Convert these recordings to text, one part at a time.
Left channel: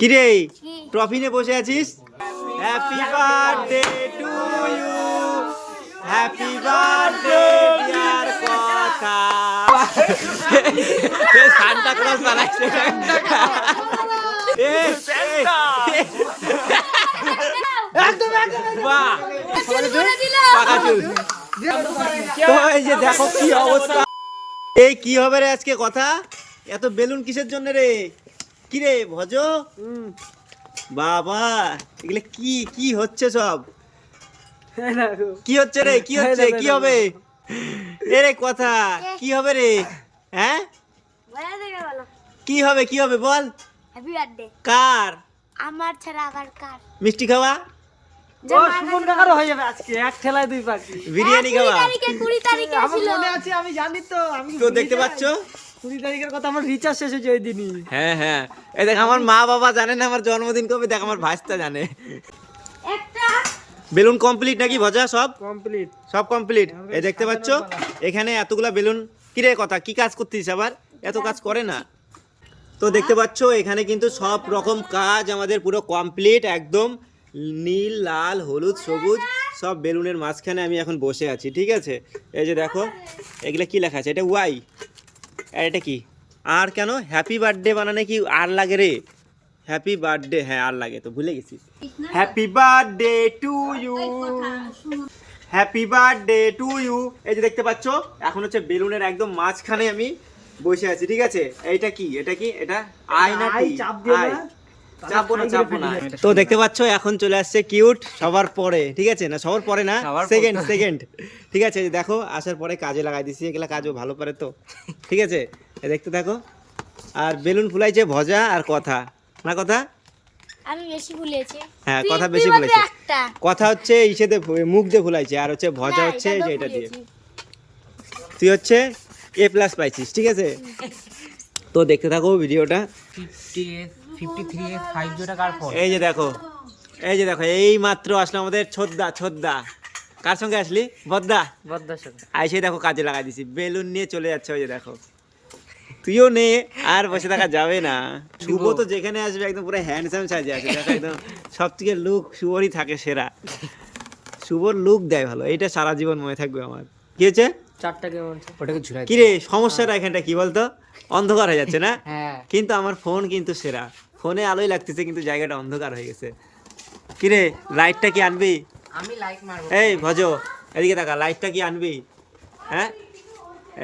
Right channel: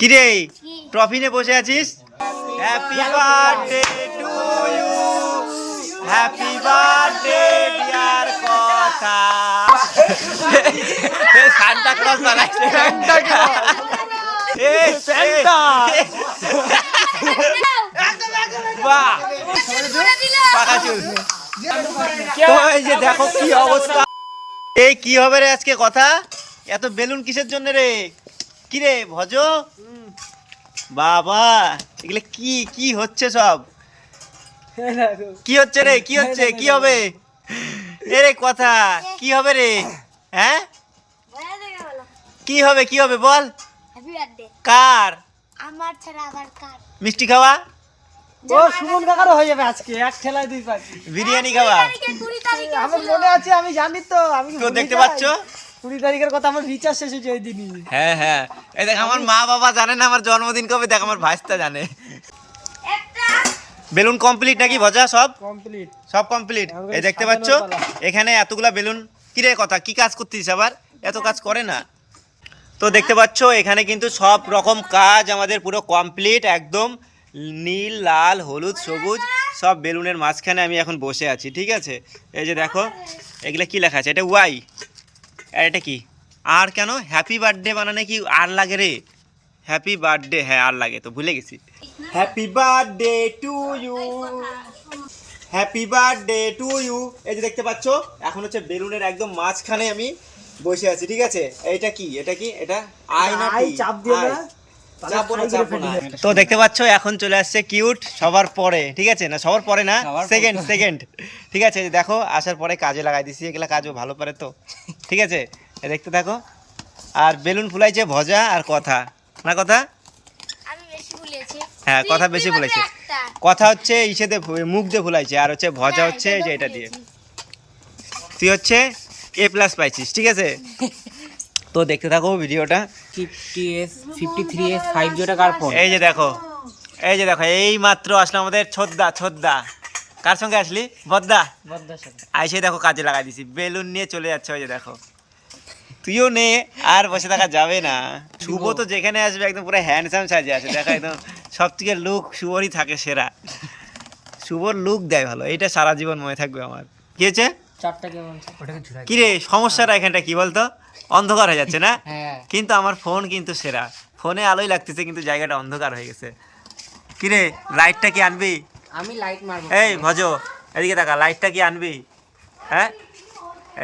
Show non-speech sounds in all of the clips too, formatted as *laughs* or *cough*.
কিরে? কি? ট্রফি নিয়ে বসে আছিস? Happy birthday to you happy birthday dear Kotha. *laughs* Santa clause বানাইছে। এ, এ, এ। বাহ। পাকা চুল। তো এই যে দেখো কি অবস্থা। এই কি হবে রে আজকে কথা? এত বেলুন কিসের জন্য রে? কি রে ভজ বাবা এগুলো কি কি হচ্ছে সব? কি হচ্ছে রে কি হচ্ছে? কি হবে? এ রে কথা কি হবে রে? হ্যাঁ? বলে কি হবে কি হবে বল? কার? আমার ছাড়া আবার কার? মিষ্টি খাওয়া? হয়ে বিরিয়ানি খাওয়া? তারিখে কুড়ি তারিখে আমার মনে আছে আমি জানি তো আমি তো দেখতে পাচ্ছ? কুড়ি তারিখের কথা আমার রিচার্জ শেষ হয়েছে ওই দিনই হ্যাঁ হ্যাঁ। এই দেখ আমার মা বাবা জানে না আমার জন্মদিন কবে দেখ আমার ভাইস্তা জানে। বেলুন কমপ্লিট নাকি ভজা সব? কমপ্লিট সব কমপ্লিট এই দেখতে পাচ্ছ? এখানে এতগুলা বেলুন। কিরে কথা কি কাজ করতিস আবার? এত কাজ করে না। তো দেখতে পাচ্ছ এখানে কিন্তু সব রকম কাজ আমাদের পুরো কমপ্লিট একদম নীল লাল হলুদ সবুজ সব বেলুনের মাঝখানে আমি এখন বসে আছি ঠিক আছে? এই যে দেখো এগুলা কি লেখা আছে? এটা ওয়াই আর এটা কি? আর কেন? হ্যাপি বার্থডে বানানে কি আর লাগে রে। হ্যাপি বার্থডে হ্যাঁ আর লাগে তো ভুলে গেছি। Happy birthday to you happy birthday to you এই যে দেখতে পাচ্ছ এখন হচ্ছে বেলুনের একদম মাঝখানে আমি বসে আছি ঠিক আছে? এটা কি? এটা কি? এটা আয়না? চাপ দিয়ে তো দেখতে পাচ্ছ এখন চলে আসছে কিউট সবার পরে ঠিক আছে না? সবার পরে না? সেকেন্ড সেকেন্ড ঠিক আছে দেখো আসার পরে কাজে লাগাই দিছি এগুলা কাজও ভালো পারে তো। ঠিক আছে দেখতে দেখো আর বেলুন ফুলাইছে ভজা আর কথা। না কথা? আমি বেশি ভুলেছি হ্যাঁ, কথা বেশি। একটা। কথা হচ্ছে ইসেতে মুখ দিয়ে ফুলাইছে আর হচ্ছে ভজা হচ্ছে এটা দিয়ে। তুই হচ্ছে এ প্লাস পাইছিস ঠিক আছে? তো দেখতে থাকো ভিডিওটা। Fifty S fifty three S five জিরোটা কার ফোন এই যে দেখো এই যে দেখো এই মাত্র আসলো আমাদের ছোদ্দা ছোদ্দা। কার সঙ্গে আসলি? বদ্দা? বদ্দার সাথে আইসে দেখো কাজে লাগাই দিছি। বেলুন নিয়ে চলে যাচ্ছে ওই যে দেখো। তুইও নে আর বসে থাকা যাবে না। শুভ তো যেখানে আসবে একদম পুরো হ্যান্ডসাম সাজে আসে দেখো একদম সব থেকে লুক শুভরই থাকে সেরা। শুভর লুক দেয় ভালো। এটা সারা জীবন মনে থাকবে আমার। কি হয়েছে? চারটা কেমন ওটাকে ঝুলাই কি রে সমস্যাটা এখানটা কি বলতো? অন্ধকার হয়ে যাচ্ছে না? *laughs* হ্যাঁ। কিন্তু আমার ফোন কিন্তু সেরা। ফোনে আলোই লাগতেছে কিন্তু জায়গাটা অন্ধকার হয়ে গেছে। কি রে লাইটটা কি আনবি? আমি লাইট মারবো। এই ভজ এদিকে দেখা লাইটটা কি আনবি? হ্যাঁ?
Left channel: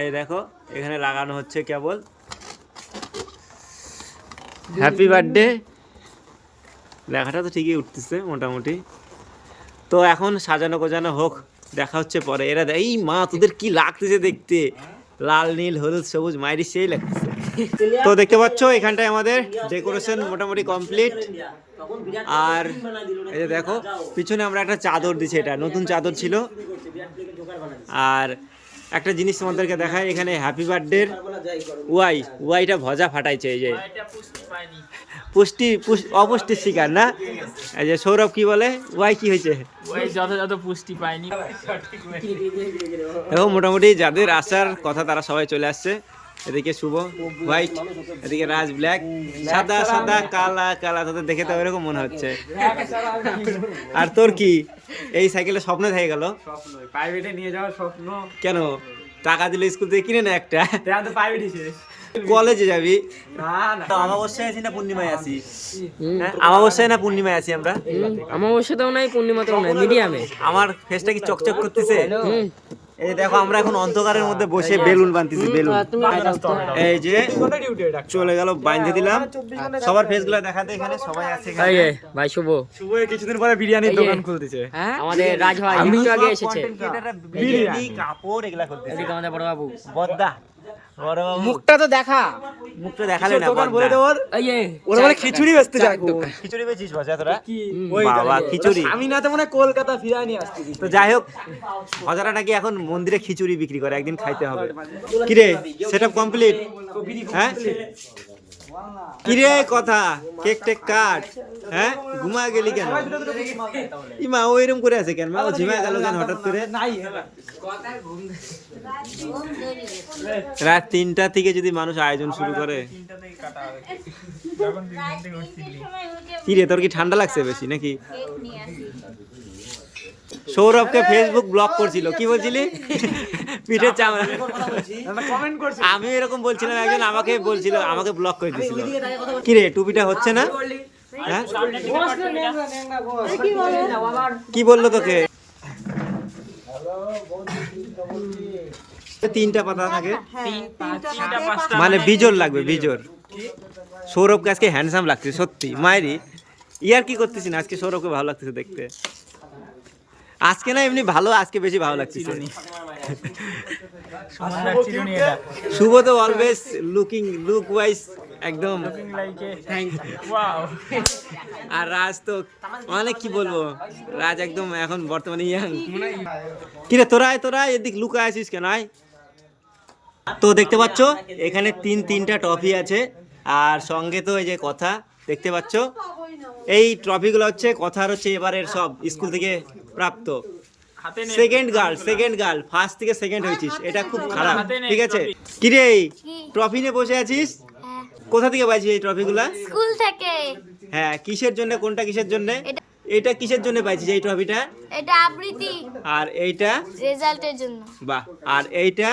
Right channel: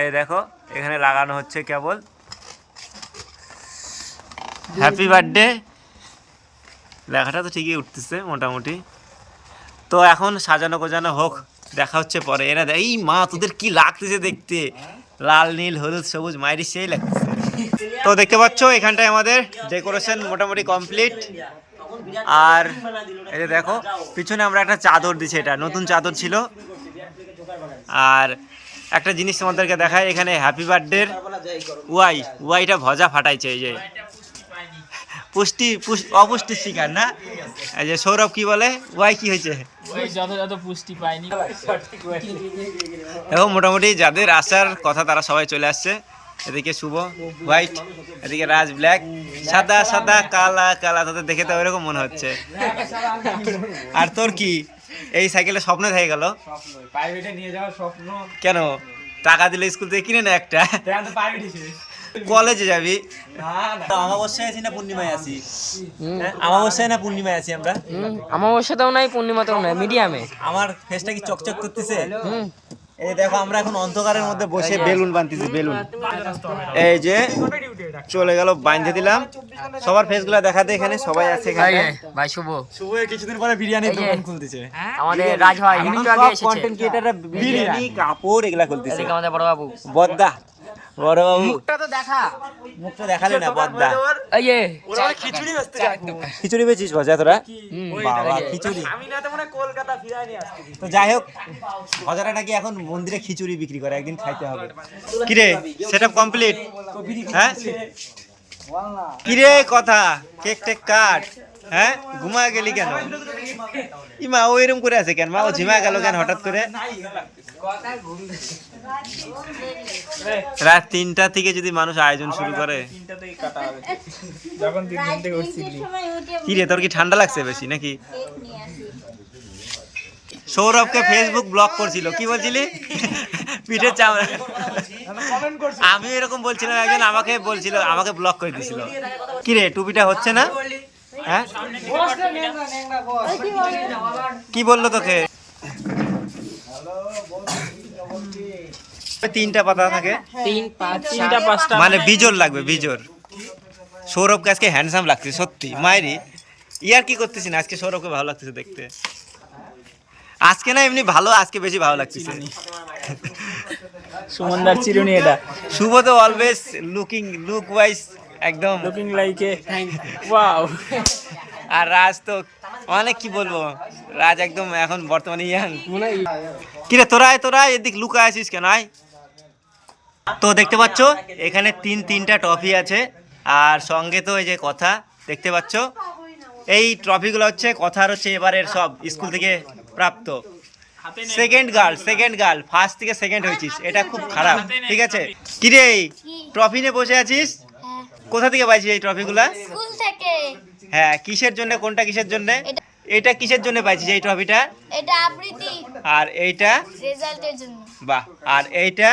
এই দেখো এখানে লাগানো হচ্ছে কেবল। হ্যাপি বার্থডে লেখাটা তো ঠিকই উঠতেছে মোটামুটি। তো এখন সাজানো গোজানো হোক দেখা হচ্ছে পরে। এরা এই মা তোদের কি লাগতেছে দেখতে? লাল, নীল, হলুদ, সবুজ, মাইরি সেই লাগছে। তো দেখতে পাচ্ছ, এখানটায় আমাদের ডেকোরেশন মোটামুটি কমপ্লিট আর এই যে দেখো, পিছনে আমরা একটা চাদর দিছি এটা, নতুন চাদর ছিল। আর একটা জিনিস তোমাদেরকে দেখায় এখানে হ্যাপি বার্থডে ওয়াই, ওয়াইটা ভজা ফাটাইছে, এই যে। পুষ্টি পুষ- অপুষ্টির শিকার না? এই যে সৌরভ কি বলে? ওয়াই কি হয়েছে? ওই যত যত পুষ্টি পাইনি এবং মোটামুটি যাদের আসার কথা তারা সবাই চলে আসছে। এদিকে শুভ হোয়াইট এদিকে রাজ ব্ল্যাক। সাদা সাদা কালা কালা তোদের দেখে তো ওইরকম মনে হচ্ছে। আর তোর কি? এই সাইকেলে স্বপ্ন থেকে গেল? প্রাইভেটে নিয়ে যাওয়ার স্বপ্ন। কেন? টাকা দিলে স্কুল থেকে কিনে না একটা? কলেজে যাবি। না না। অমাবস্যায় আছি না পূর্ণিমায় আছি? হ্যাঁ অমাবস্যায় না পূর্ণিমায় আছি আমরা? অমাবস্যাতেও নাই পূর্ণিমাতেও নাই মিডিয়ামে। আমার ফেসটা কি চকচক করতেছে? এই দেখো আমরা এখন অন্ধকারের মধ্যে বসে বেলুন বানতেছি বেলুন। এই যে চলে গেল বাইন্ধে দিলাম। সবার ফেসগুলো দেখাতে এখানে সবাই আছে এখানে। ভাই শুভ। শুভ কিছুদিন পরে বিরিয়ানির দোকান খুলতেছে। আমাদের রাজ ভাই একটু আগে এসেছে। বিরিয়ানি। কাপড় এগুলা খুলতেছে। এদিকে আমাদের বড় বাবু বদ্দা। বড় বাবু। মুখটা তো দেখা। মুখটা দেখালে না বদ্দা এই যে খিচুড়ি বেচতে চাই খিচুড়ি বেচিস বসে তোরা বাবা খিচুড়ি। আমি না তো মনে কলকাতা ফিরাই নিয়ে আসছি। তো যাই হোক হজারা নাকি এখন মন্দিরে খিচুড়ি বিক্রি করে একদিন খাইতে হবে। কিরে সেটআপ কমপ্লিট হ্যাঁ? কিরে কথা? Cake take cut? হ্যাঁ? ঘুমা গেলি কেন? ইমা, ও এরম করে আছে কেন? মা, ও ঝিমা গেল কেন হঠাৎ করে? রাত তিনটা থেকে যদি মানুষ আয়োজন শুরু করে। কি রে তোর কি ঠান্ডা লাগছে বেশি নাকি? সৌরভকে ফেসবুক ব্লক করছিল। কি বলছিলি? পিঠের চামড়া। আমি এরকম বলছিলাম, একজন আমাকে বলছিল, আমাকে ব্লক করে দিছিল। কি রে টুপিটা হচ্ছে না? হ্যাঁ? কি বলল তোকে? তিনটা পাতা থাকে। মানে বিজোর লাগবে বিজোর সৌরভকে আজকে হ্যান্ডসাম লাগছে সত্যি। মায়েরি ইয়ার কি করতেছি না? আজকে সৌরভকে ভালো লাগতেছে দেখতে। আজকে না এমনি ভালো আজকে বেশি ভালো লাগতেছে। সুমনদার চিরুনি এটা। শুভ তো অলওয়েজ লুকিং লুক ওয়াইজ একদম। লুকিং লাইক এ ওয়াও আর রাজ তো অনেক কি বলব? রাজ একদম এখন বর্তমানে ইয়াং। কিরে তোরা তোরা এদিক লুকা আছিস কেন? আয়। তো দেখতে পাচ্ছ এখানে তিন তিনটা ট্রফি আছে। আর সঙ্গে তো এই যে কথা দেখতে পাচ্ছ? এই ট্রফিগুলো হচ্ছে কথার হচ্ছে এবারের সব স্কুল থেকে প্রাপ্ত। Second girl second girl first থেকে সেকেন্ড হয়েছিস। এটা খুব খারাপ ঠিক আছে? কিরে ট্রফি নিয়ে বসে আছিস? কোথা থেকে পাইছিস এই ট্রফিগুলা স্কুল থেকে। হ্যাঁ কিসের জন্য কোনটা কিসের জন্য? এটা- কিসের জন্য পাইছিস এই ট্রফিটা এটা আবৃত্তি। আর এইটা? রেজাল্টের জন্য। বাহ আর এইটা?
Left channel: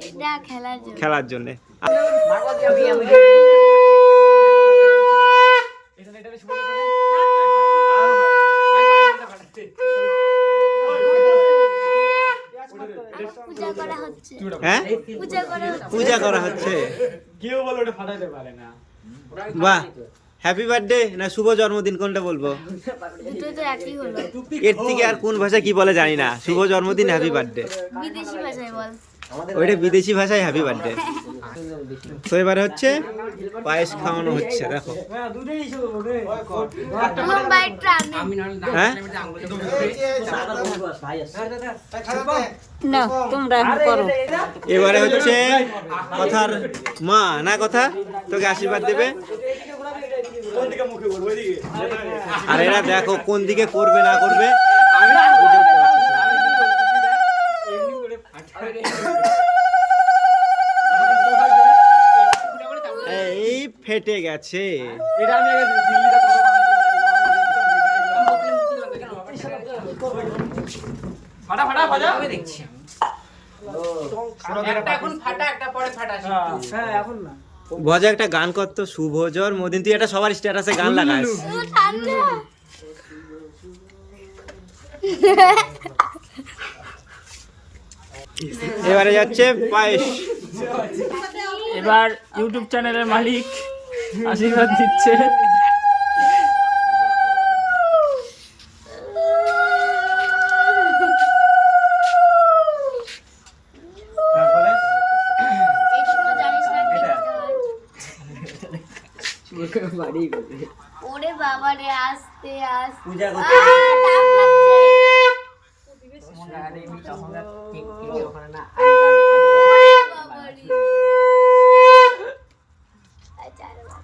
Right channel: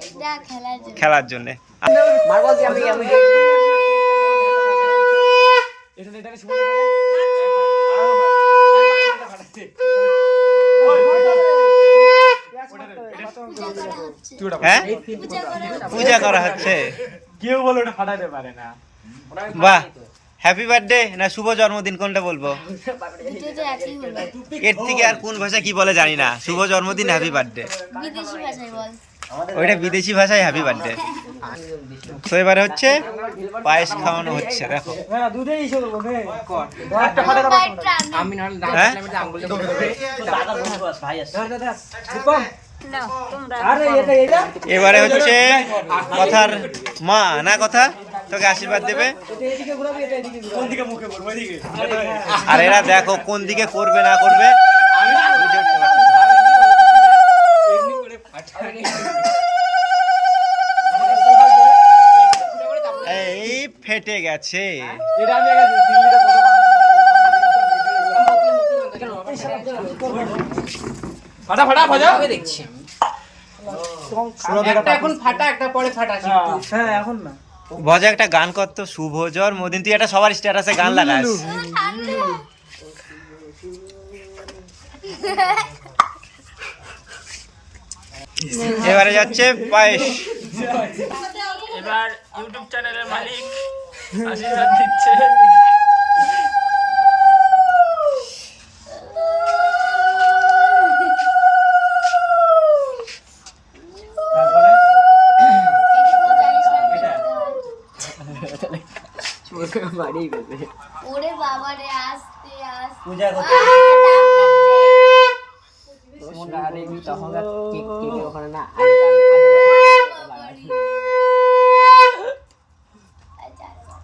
এটা খেলার জন্য। খেলার জন্য। হ্যাঁ? পূজা করা হচ্ছে। পূজা করা হচ্ছে। কেউ বলে ওটা ফাটাইতে পারে না। বাহ হ্যাপি বার্থডে না শুভ জন্মদিন কোনটা বলব? দুটো তো একই হলো। এর থেকে আর কোন ভাষা কি বলে জানি না। শুভ জন্মদিন হ্যাপি বার্থডে বিদেশি ভাষায় বল। ওইটা বিদেশি ভাষায় হ্যাপি বার্থডে তো এবারে হচ্ছে পায়েস খাওয়ানো হচ্ছে, দেখো। হ্যাঁ? এবারে হচ্ছে কথার মা, না কথা? তোকে আশীর্বাদ দেবে। আর এরা দেখো কোন দিকে করবে, না করবে। ফেটে গেছে। ফাটা ফাটা ফাটা। দেখছি একটা এখন ফাটা একটা পরে ফাটা হ্যাঁ। এখন না। ভজা একটা গান করতো শুভ জন্মদিন তুই একটা সবার স্ট্যাটাসে গান লাগাস। এবারে যাচ্ছে পায়েস। *laughs* এবার ইউটিউব চ্যানেলের মালিক আশীর্বাদ দিচ্ছে। তারপরে? এইটুকু জানিস না কি করতে ওরে বাবা রে আস্তে আস্তে। পূজা লাগছে। বাবা রে। আচ্ছা, আরে বাবা।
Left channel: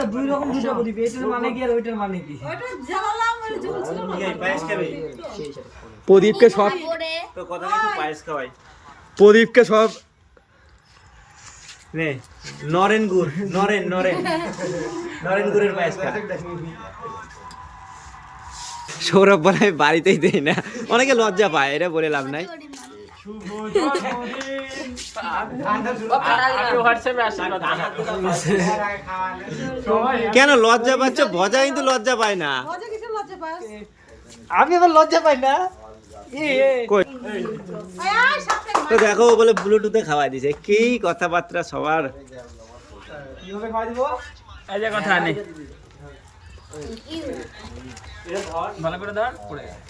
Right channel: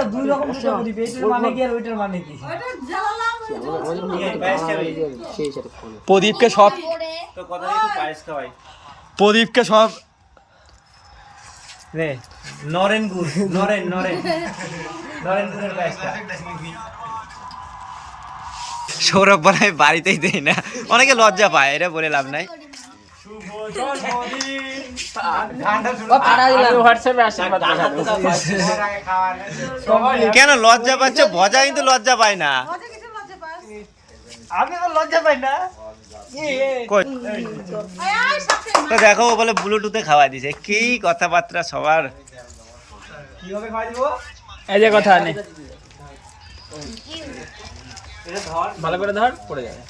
আচ্ছা দুই রকম দুটো প্রদীপ এইটার মানে কি আর ওইটার মানে কি? প্রদীপকে সব তো কথা নেই তুই পায়েস খাওয়াই। প্রদীপকে সব নে নরেন গুড় নরেন নরেন। নরেন গুড়ের পায়েস খা। সৌরভ বলে বাড়িতেই দেই না। অনেকে লজ্জা পায় এটা বলে লাভ নাই। কেন লজ্জা পাচ্ছ? ভজা কিন্তু লজ্জা পায় না। আমি তো লজ্জা পাই না? তো দেখো ও বলে ব্লুটুথে খাওয়াই দিছে কি কথাবার্তা সবার। এই যে কথা নেই ভালো করে ধর পড়ে যাবে। ওটা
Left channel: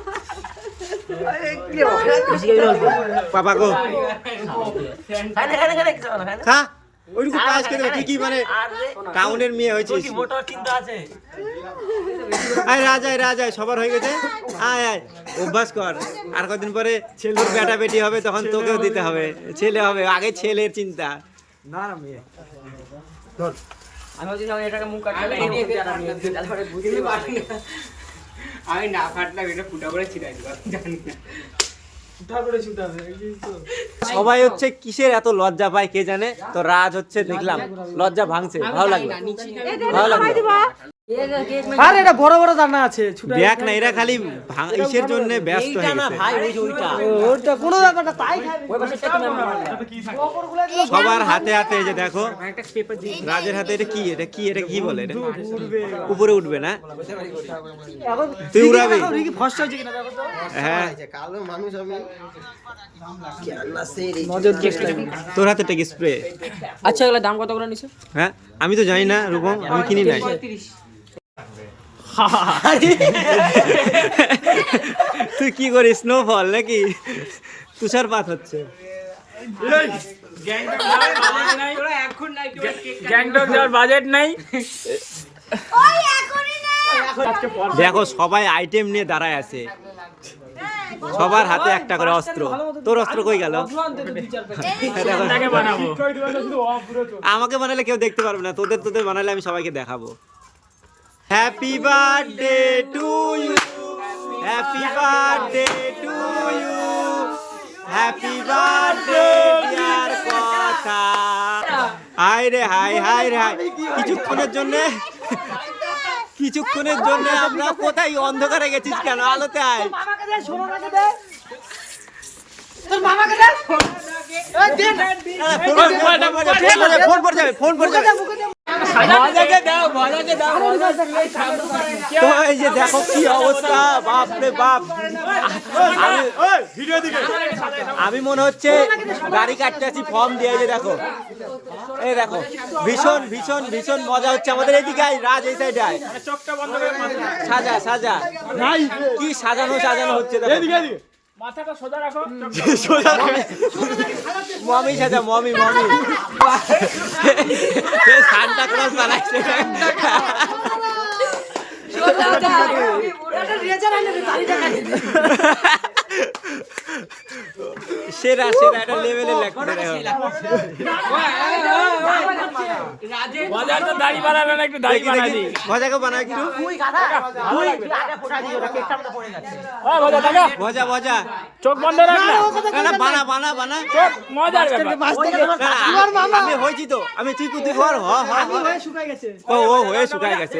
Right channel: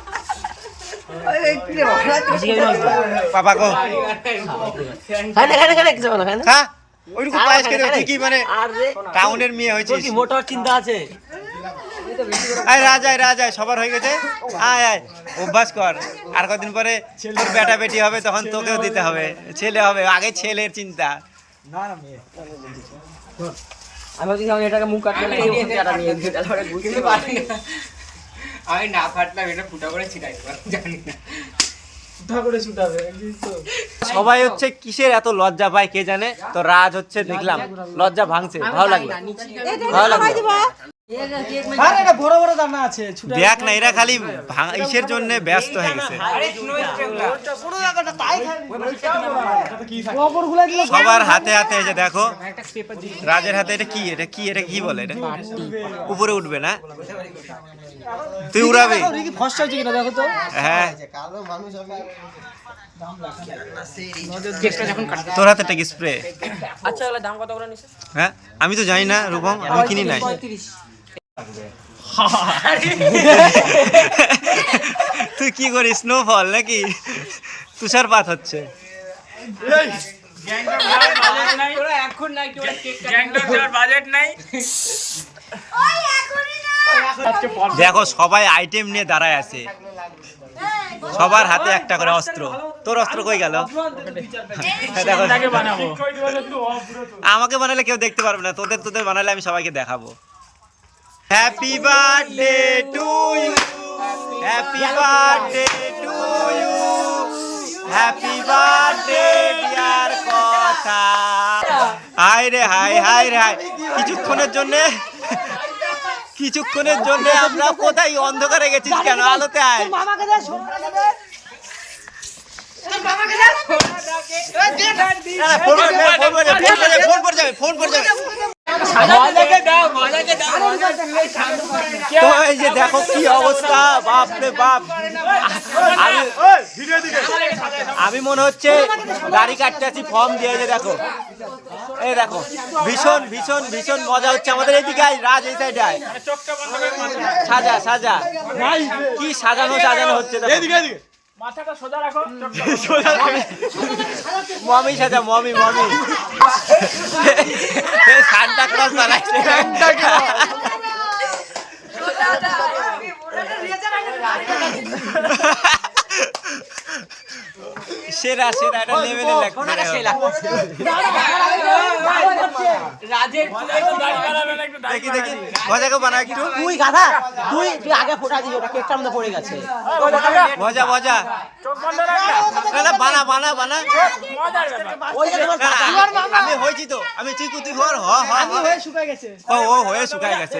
পাপা কো খা। ওইটুকু পায়েস খেতে হবে। তুই কি মানে টাউনের মেয়ে হয়েছিস? মোটর চিন্তা আছে। আয় রাজ আয় রাজ আয় সবার হয়ে গেছে। আয় আয় অভ্যাস কর। আর কদিন পরে তোর বেটা বেটি হবে তখন তোকেও দিতে হবে। ছেলে হবে আগে ছেলের চিন্তা। না না মেয়ে। আমি আমি এটাকে মুখ কাটলে আমি না ফাটলাম এটা ফুটা করে ছিটাই দেবো জানি না। সবাই হচ্ছে কিসের এত লজ্জা পায় কে জানে? তো রাজ হচ্ছে দেখলাম লজ্জা ভাঙছে ভালো লাগল। ভালো লাগল। আরে এটা বড় বড় দানা আছে দেখ না এরা খালি ইসের জন্য ব্যস্ত হয়ে গেছে। সবার হাতে হাতে যে দেখো রাজের হাতে এটা কি? এটা কি? এটা কি বলে এটা? উপরে উঠবে না? তুই উড়াবি। রিকি ফস্ট হয়েছে কিনা দেখো তো। হ্যাঁ। তোর হাতে স্প্রে আচ্ছা দাম কত করে নিছে? হ্যাঁ আমি তো জানি না রূপম আমি কিনি নাই। *laughs* তুই কি করিস? স্নোফল নাকি? তুষারপাত হচ্ছে। গ্যাংটক যাওয়ার বাজেট নাই। ওই এখনই না দেখো সবাই আইটেম নিয়ে দাঁড়ায় আছে। সবার হাতে একটা করে অস্ত্র। তোর অস্ত্র কই গেল? দেখো। বানাবো। আমাকে বানালে কেউ দেখতে পারবে না। তোদের তোদের বানালে আমি সবাইকে দেখাবো। Happy birthday to you happy birthday to you happy birthday dear Kotha hi রে হাই হাই রে হাই কিছুক্ষণের জন্য কিছুক্ষণের জন্য আমরা কোথায় অন্ধকারে গেছিস কেন? আলোতে আয়। ফোন করে ফোন করে ফোন করে ফোন করে যাবে, ফোন করে যাবে। দেখো কি অবস্থা বাপ রে বাপ আমি মনে হচ্ছে গাড়ি কাটতে আছি ফর্ম দিয়ে যে দেখো। এই দেখো, ভীষণ ভীষণ ভীষণ মজা হচ্ছে আমাদের আয়, রাজ, এই সাইডে আয়। সাজা সাজা। কি সাজানো সাজানো হচ্ছে দেখো। মাথাটা সোজা রাখো। মমি। সাজা মমি মমি। সান্টা ক্লাস বানাইছে। সেরা সেরা একটা লেভেলের লাগছে দেখি দেখি। মজাকে বানা একটু। মজা মজা। না বানা বানা বানা। আমি আমি হয়েছি তো। আমি তুই তুই কর হ হ হ। হয়ে শুকায় গেছে।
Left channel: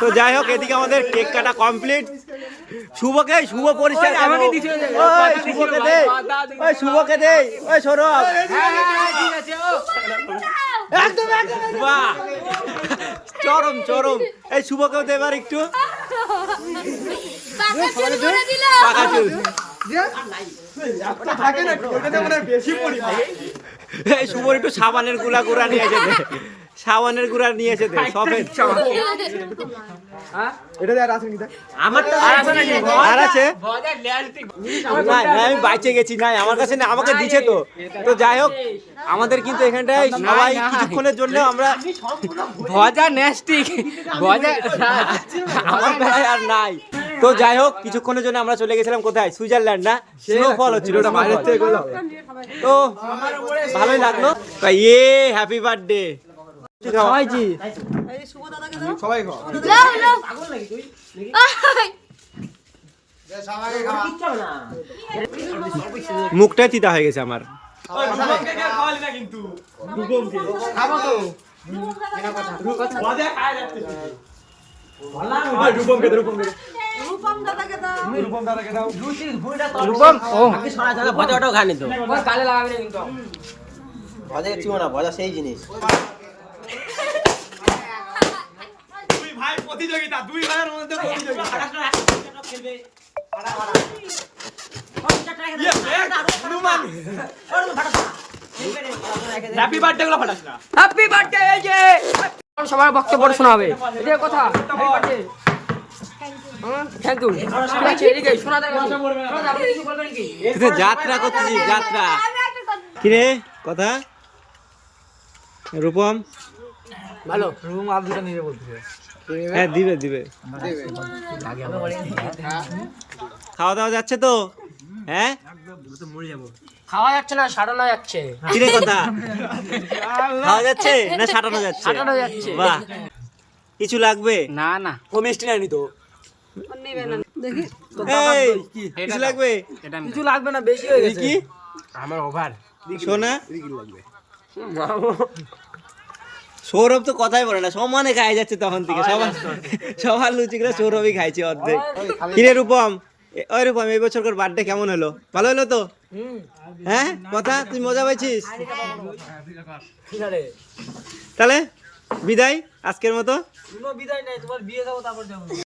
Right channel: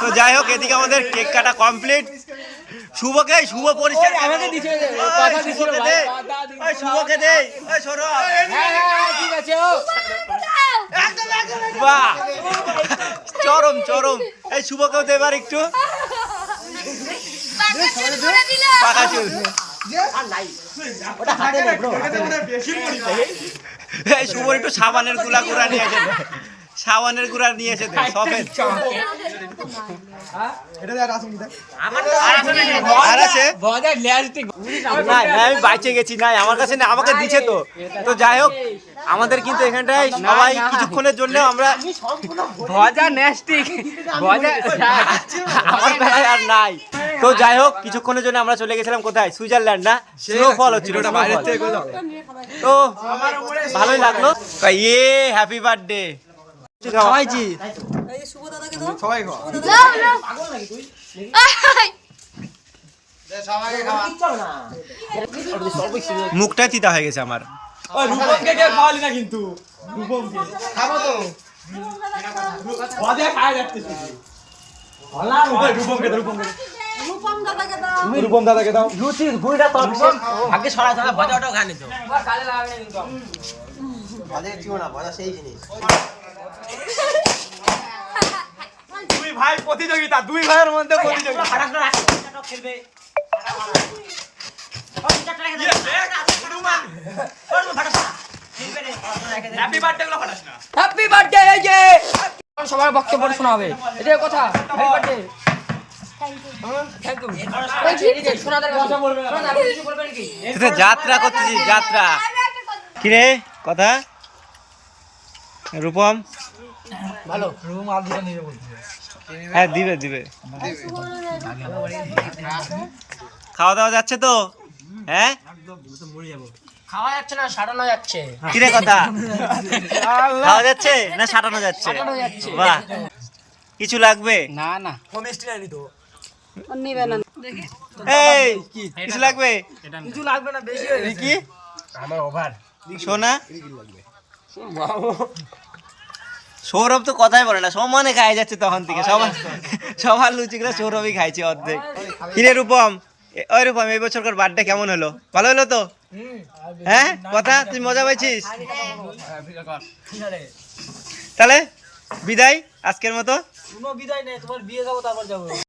তো যাই হোক এদিকে আমাদের কেক কাটা কমপ্লিট শুভকে শুভ পরিষ্কার আমাকে দিছে শুভকে দে ওই শুভকে দে ওই সৌরভ। বাহ। চরম চরম। এই শুভকেও দে এবার একটু। পাকা চুল এই শুভর একটু সাবানেরগুলা গুড়া নিয়ে সাবানের গুড়া নিয়ে এসে দে সফেদ আর আছে না না আমি বাইচে গেছি নাই আমার কাছে না আমাকে দিছে তো। তো যাই হোক আমাদের কিন্তু এখানটায় সবাই কিছুক্ষণের জন্য আমরা ভজা নেস্টিক ভজা আমার বেলায় আর নাই। তো যাই হোক কিছুক্ষণের জন্য আমরা চলে গেছিলাম কোথায়? সুইজারল্যান্ড না? স্নোফল হচ্ছিল স্নোফল তো ভালোই লাগল। ইয়ে হ্যাপি বার্থডে খাওয়াইছি। মুখটাই তিতা হয়ে গেছে আমার। সেই জিনিস। ভাই প্রতিযোগিতা দুই ভাইয়ের মধ্যে প্রতিযোগিতা হ্যাপি বার্থডে গুলো ফাটাস না হ্যাপি বার্থডে এই যে সবার বক্তব্য শোনা হবে এটা কথা হ্যাপি বার্থডে যাত্রা করতেছিস যাত্রা কিরে কথা রূপম ভালো হ্যাঁ দিবে দিবে। খাওয়া দাওয়া যাচ্ছে তো? হ্যাঁ? খাওয়া যাচ্ছে না সারানো যাচ্ছে। কিরে কথা? খাওয়া যাচ্ছে না সাটানো যাচ্ছে? সাটানো যাচ্ছে। বাহ। কিছু লাগবে? না না। এই কিছু লাগবে? কিছু লাগবে না বেশি কি আমার ওভার। সোনা? সৌরভ তো কথাই বলে না সমানে খাই যাচ্ছে তখন থেকে। সবার সবার লুচিগুলো সৌরভই খাইছে অর্ধেক। কিরে রূপম ওই রূপম এই বছরকার বার্থডে কেমন হলো? ভালো হলো তো? হ্যাঁ? কথা? তুই মজা পাইছিস? তাহলে বিদায় আজকের মতো। বিদায় নেই তোমার বিয়ে যাব তারপর যাব।